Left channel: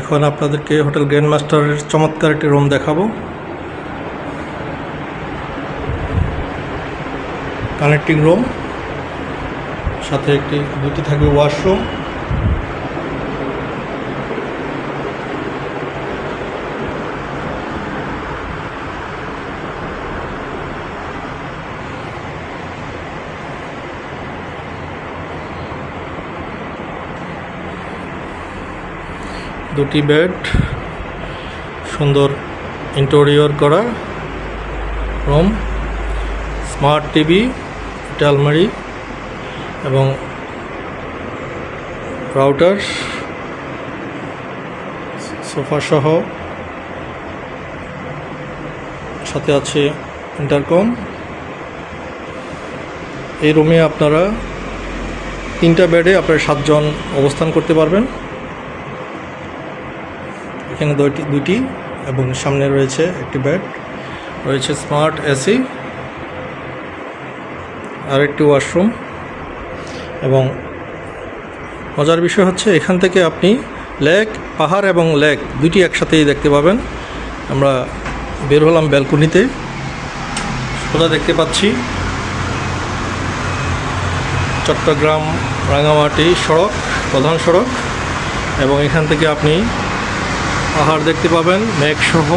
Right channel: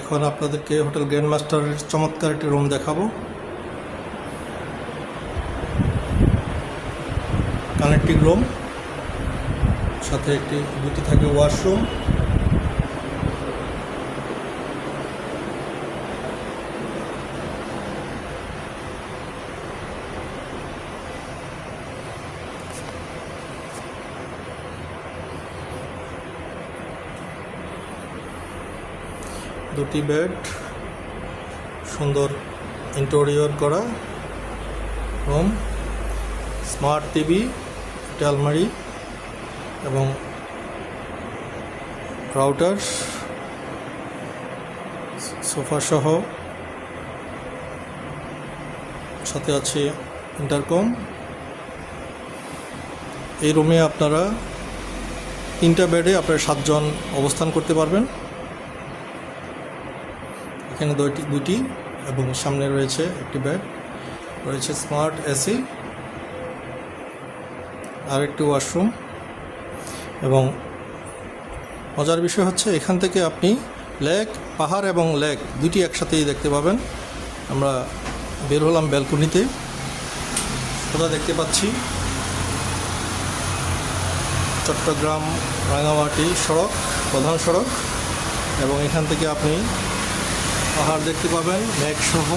এখন আপনাদেরকে hotel grand মাস্টারের চমৎকার একটি রুম দেখাবো। কানেক্টিং রুম, সাথে দুটি থাকবে ওয়াশরুম। দুটি বেড, সুন্দর ইন্টেরিয়র করা রুম, স্মার্ট টিভি, আলমারি এবং রাউটার, সোফা সহ সাথে আছে ইন্টারকম। এই রুমে আপনারা 3টা বেডে আপনারা 7 জন অবস্থান করতে পারবেন। এখানে দুটি এবং সামনে রয়েছে একটি বেড, রয়েছে স্মার্ট এসি আর একটি ওয়াশরুম। এবং মজার বিষয় হচ্ছে এখান থেকে আপনি লেক, পাহাড় এবং লেক দুটি একসাথেই দেখতে পাবেন। আমরা বের হলাম ব্যালকনিতে, সোজা দেখতে পাচ্ছি চট্টগ্রাম রাঙামাটি সড়ক, প্রধান সড়ক। এবং এখান থেকে আপনি পাহাড় দেখতে পাবেন, মেঘ সহ,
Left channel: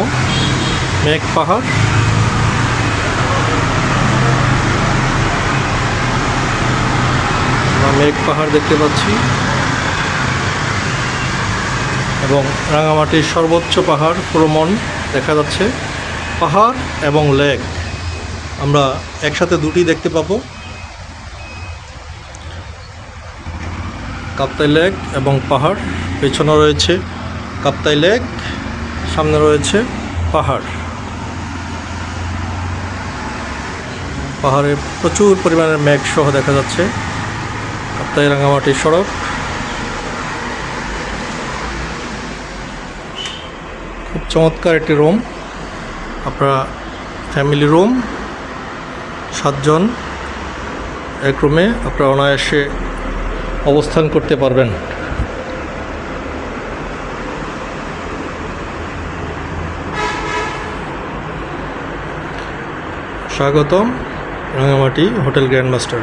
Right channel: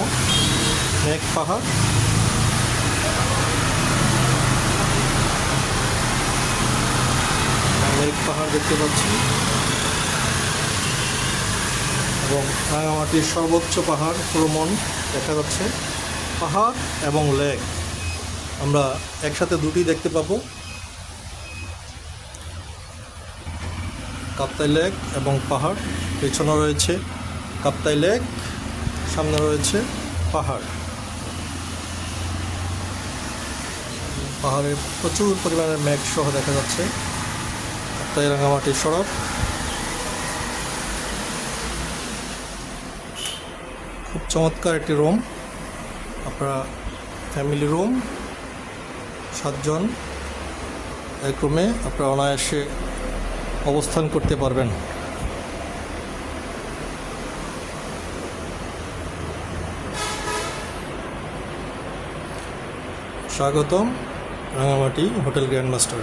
মেঘ পাহাড়। মেঘ পাহাড় দেখতে পাচ্ছি এবং রাঙামাটির সর্বোচ্চ পাহাড় প্রমণ দেখা যাচ্ছে। পাহাড় এবং লেক আমরা একসাথে দুটি দেখতে পাবো, কাপ্তাই লেক এবং পাহাড়। পেছনে রয়েছে কাপ্তাই লেক, সামনে রয়েছে পাহাড়। পাহাড়ে প্রচুর পরিমাণের মেঘ সহ দেখা যাচ্ছে। কাপ্তাই রাঙামাটি সড়ক, খুব চমৎকার একটি রুম। আপনারা ফ্যামিলি রুম, 7 জন এক রুমে আপনারা অনায়াসে অবস্থান করতে পারবেন। স্বাগতম রাঙামাটি হোটেল গ্র্যান্ড মাস্টার।